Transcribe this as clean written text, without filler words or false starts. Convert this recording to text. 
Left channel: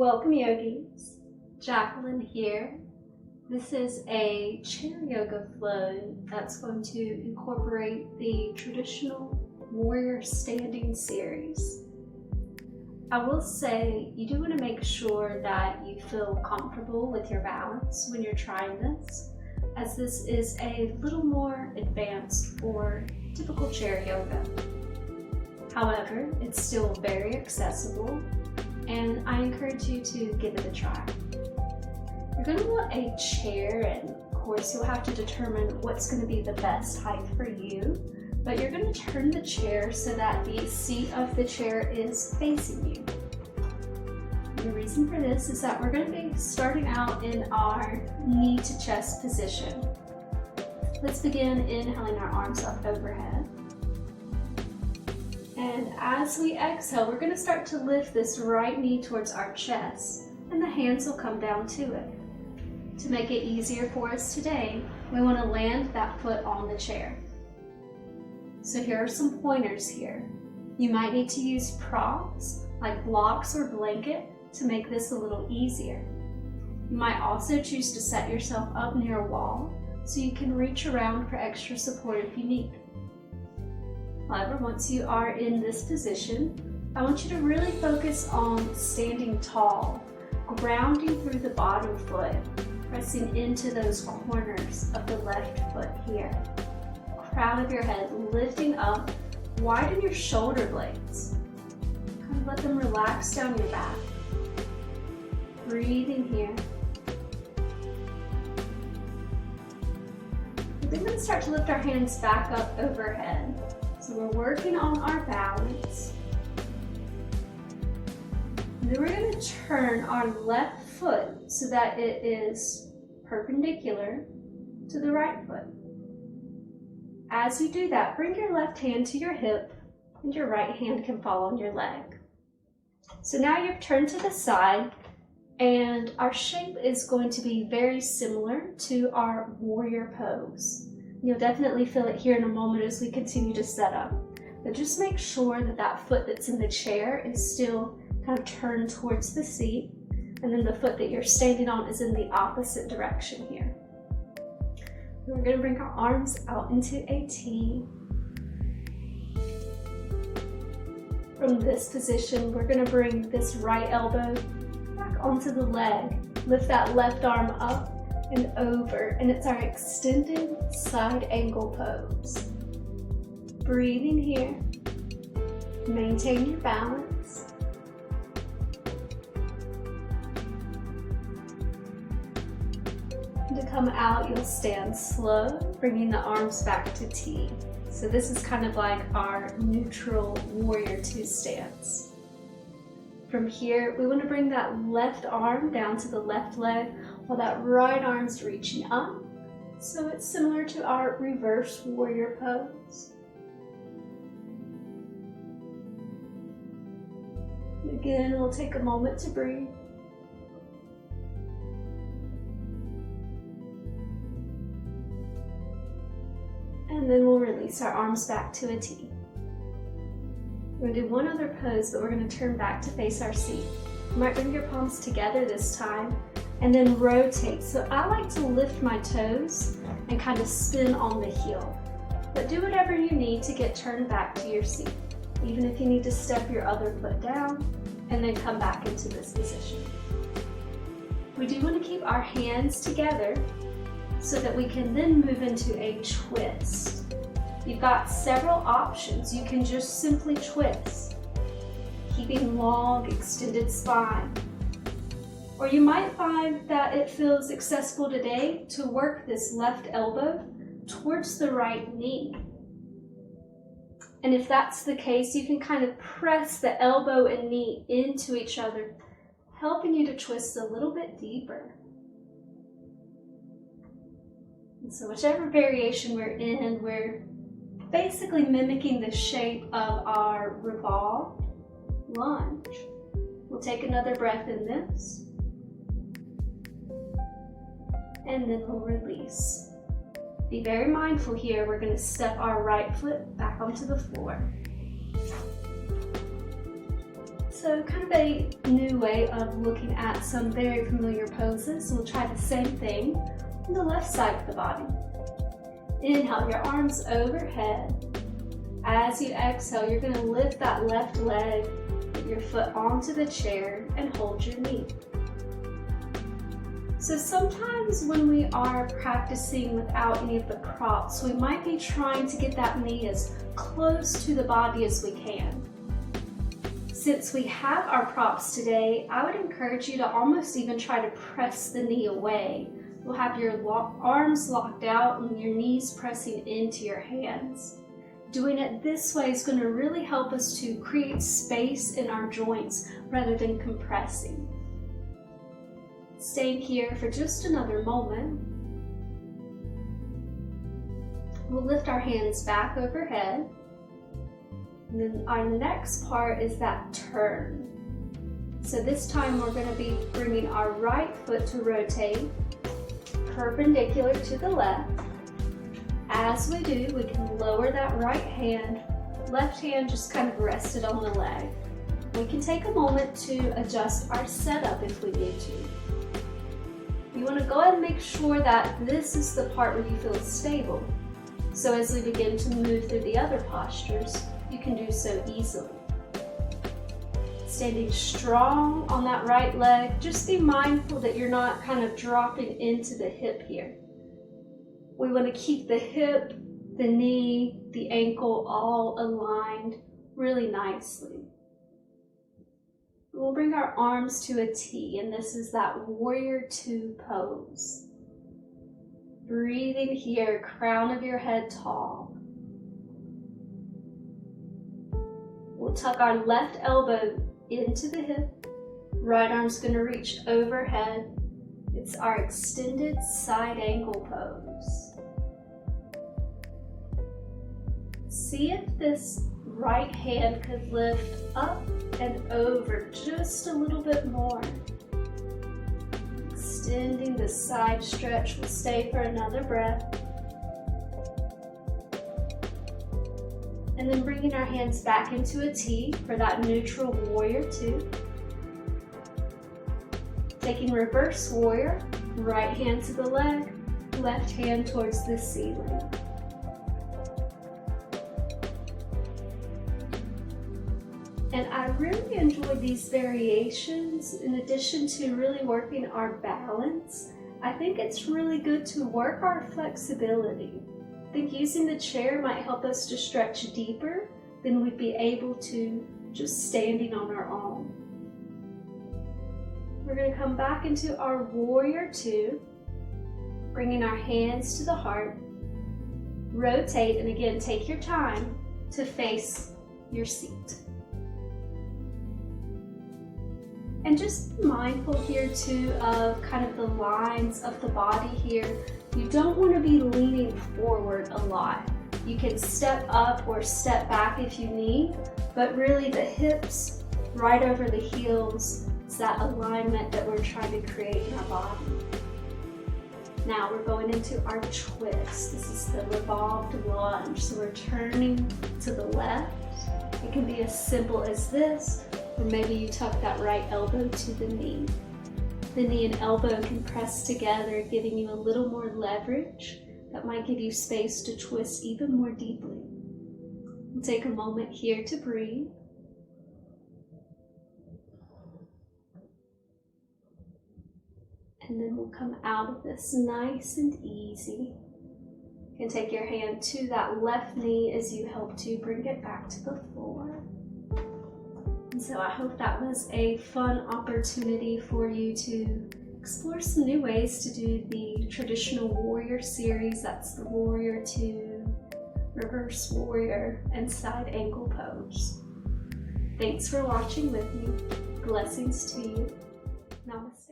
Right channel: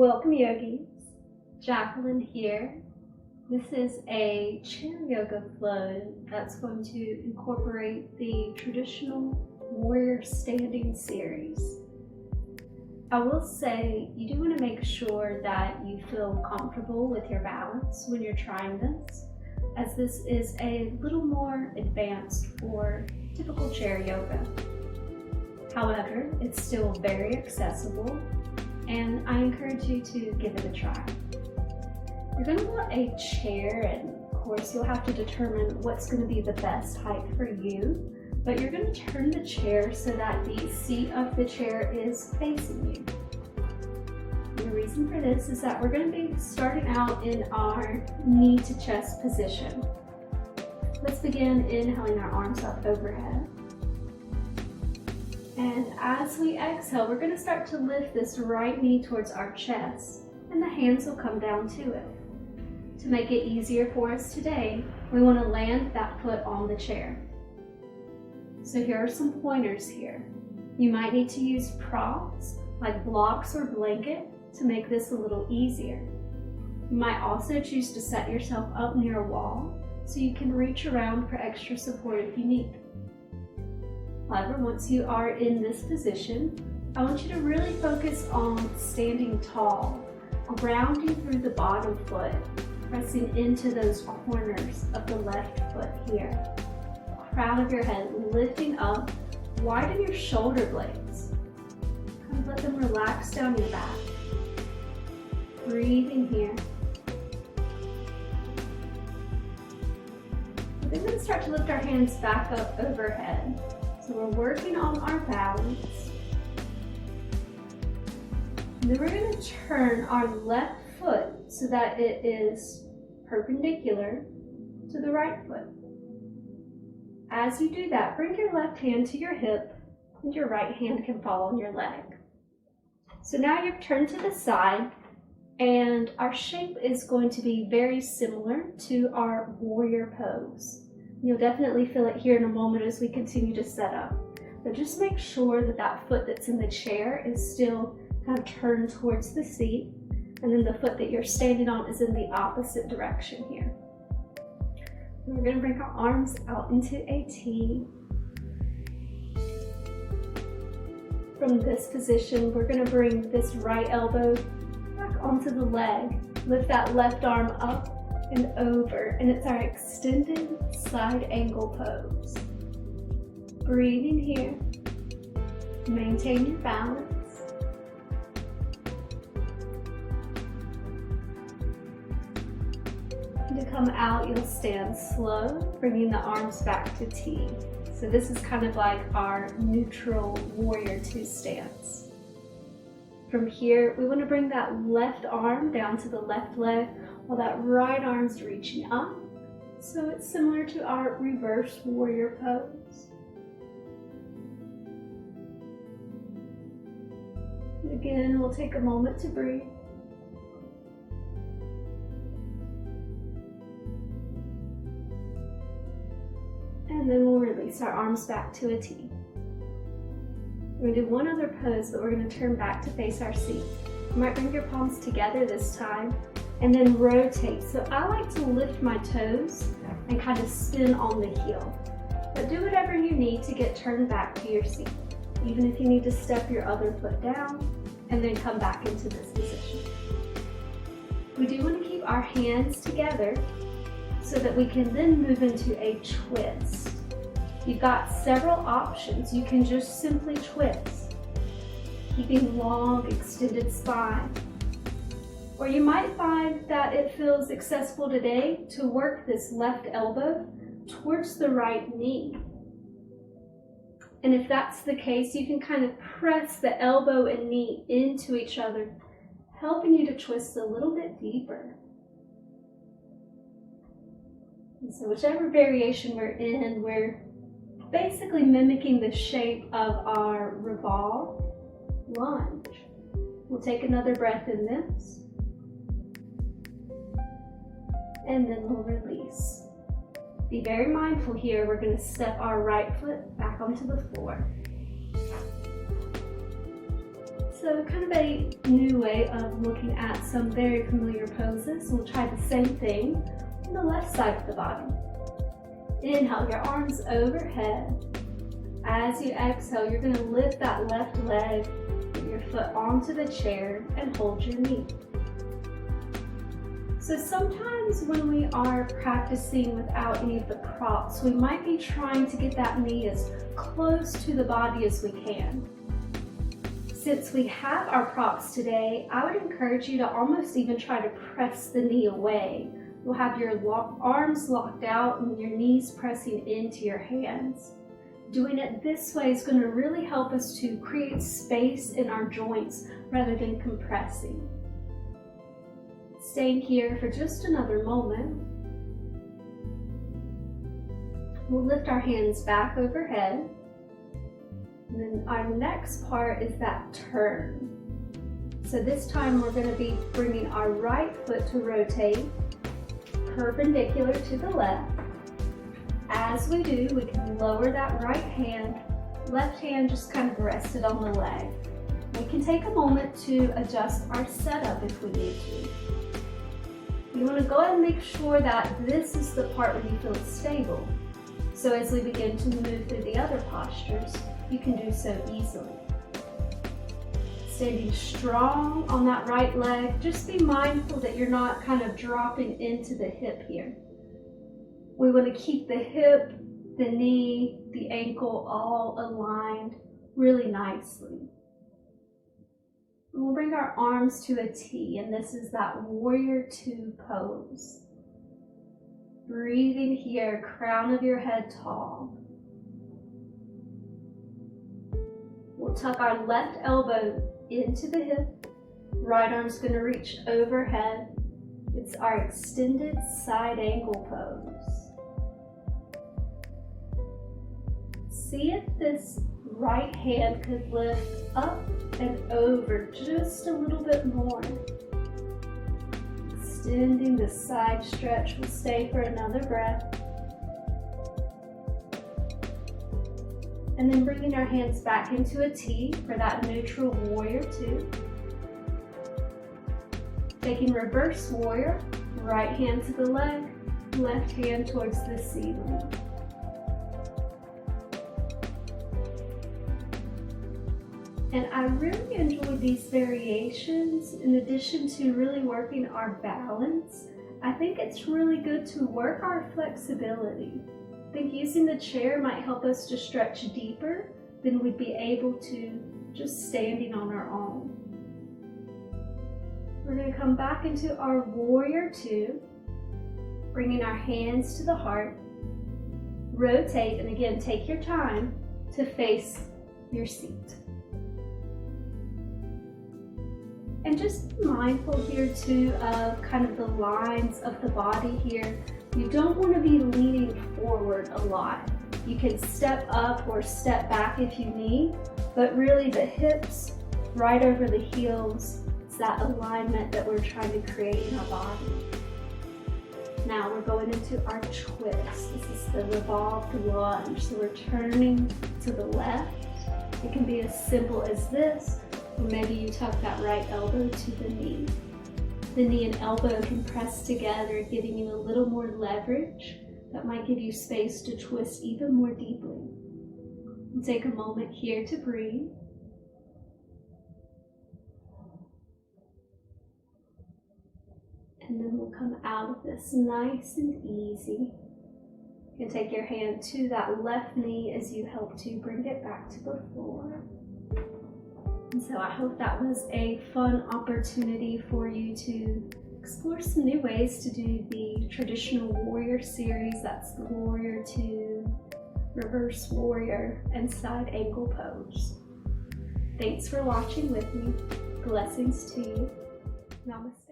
Welcome yogis, Jacqueline here. This is a chair yoga flow that's going to incorporate the traditional warrior standing series. I will say you do want to make sure that you feel comfortable with your balance when you're trying this, as this is a little more advanced for typical chair yoga. However, it's still very accessible, and I encourage you to give it a try. You're going to want a chair, and of course you'll have to determine what's going to be the best height for you, but you're going to turn the chair so that the seat of the chair is facing you. And the reason for this is that we're going to be starting out in our knee to chest position. Let's begin inhaling our arms up overhead. And as we exhale, we're going to start to lift this right knee towards our chest, and the hands will come down to it. To make it easier for us today, we want to land that foot on the chair. So here are some pointers here. You might need to use props like blocks or blanket to make this a little easier. You might also choose to set yourself up near a wall so you can reach around for extra support if you need. However, once you are in this position, I want you to really focus on standing tall, grounding through the bottom foot, pressing into those corners of the left foot here. Crown of your head lifting up, widen your shoulder blades. Kind of let them relax down your back. Breathe in here. Then we're going to start to lift our hands back up overhead. So we're working on our balance. And then we're going to turn our left foot so that it is perpendicular to the right foot. As you do that, bring your left hand to your hip and your right hand can fall on your leg. So now you've turned to the side, and our shape is going to be very similar to our warrior pose. You'll definitely feel it here in a moment as we continue to set up. But just make sure that that foot that's in the chair is still kind of turned towards the seat, and then the foot that you're standing on is in the opposite direction here. We're going to bring our arms out into a T. From this position, we're going to bring this right elbow back onto the leg. Lift that left arm up and over, and it's our extended side angle pose. Breathing here. Maintain your balance. And to come out, you'll stand slow, bringing the arms back to T. So this is kind of like our neutral warrior two stance. From here, we want to bring that left arm down to the left leg while that right arm's reaching up. So it's similar to our reverse warrior pose. Again, we'll take a moment to breathe. And then we'll release our arms back to a T. We're going to do one other pose, but we're going to turn back to face our seat. You might bring your palms together this time and then rotate. So I like to lift my toes and kind of spin on the heel. But do whatever you need to get turned back to your seat, even if you need to step your other foot down and then come back into this position. We do want to keep our hands together so that we can then move into a twist. You've got several options. You can just simply twist, keeping long, extended spine. Or you might find that it feels accessible today to work this left elbow towards the right knee. And if that's the case, you can kind of press the elbow and knee into each other, helping you to twist a little bit deeper. And so whichever variation we're in, we're basically mimicking the shape of our revolve lunge. We'll take another breath in this, and then we'll release. Be very mindful here. We're going to step our right foot back onto the floor. So kind of a new way of looking at some very familiar poses. We'll try the same thing on the left side of the body. Inhale, your arms overhead. As you exhale, you're going to lift that left leg, put your foot onto the chair, and hold your knee. So sometimes when we are practicing without any of the props, we might be trying to get that knee as close to the body as we can. Since we have our props today, I would encourage you to almost even try to press the knee away. You'll have your arms locked out and your knees pressing into your hands. Doing it this way is going to really help us to create space in our joints rather than compressing. Staying here for just another moment. We'll lift our hands back overhead. And then our next part is that turn. So this time we're going to be bringing our right foot to rotate perpendicular to the left. As we do, we can lower that right hand, left hand just kind of rested on the leg. We can take a moment to adjust our setup if we need to. You want to go ahead and make sure that this is the part where you feel stable. So as we begin to move through the other postures, you can do so easily. Standing strong on that right leg, just be mindful that you're not kind of dropping into the hip here. We want to keep the hip, the knee, the ankle all aligned really nicely. We'll bring our arms to a T, and this is that warrior two pose. Breathing here, crown of your head tall. We'll tuck our left elbow into the hip. Right arm's going to reach overhead. It's our extended side angle pose. See if this right hand could lift up and over just a little bit more. Extending the side stretch. We'll stay for another breath. And then bringing our hands back into a T for that neutral warrior two. Taking reverse warrior, right hand to the leg, left hand towards the ceiling. And I really enjoy these variations. In addition to really working our balance, I think it's really good to work our flexibility. I think using the chair might help us to stretch deeper than we'd be able to just standing on our own. We're going to come back into our warrior two, bringing our hands to the heart. Rotate, and again, take your time to face your seat. And just be mindful here too of kind of the lines of the body here. You don't want to be leaning forward a lot. You can step up or step back if you need, but really the hips right over the heels, it's that alignment that we're trying to create in our body. Now we're going into our twist. This is the revolved lunge. So we're turning to the left. It can be as simple as this, or maybe you tuck that right elbow to the knee. The knee and elbow can press together, giving you a little more leverage that might give you space to twist even more deeply. We'll take a moment here to breathe. And then we'll come out of this nice and easy. You can take your hand to that left knee as you help to bring it back to the floor. And so I hope that was a fun opportunity for you to explore some new ways to do the traditional warrior series. That's the warrior two, reverse warrior, and side angle pose. Thanks for watching with me. Blessings to you. Namaste.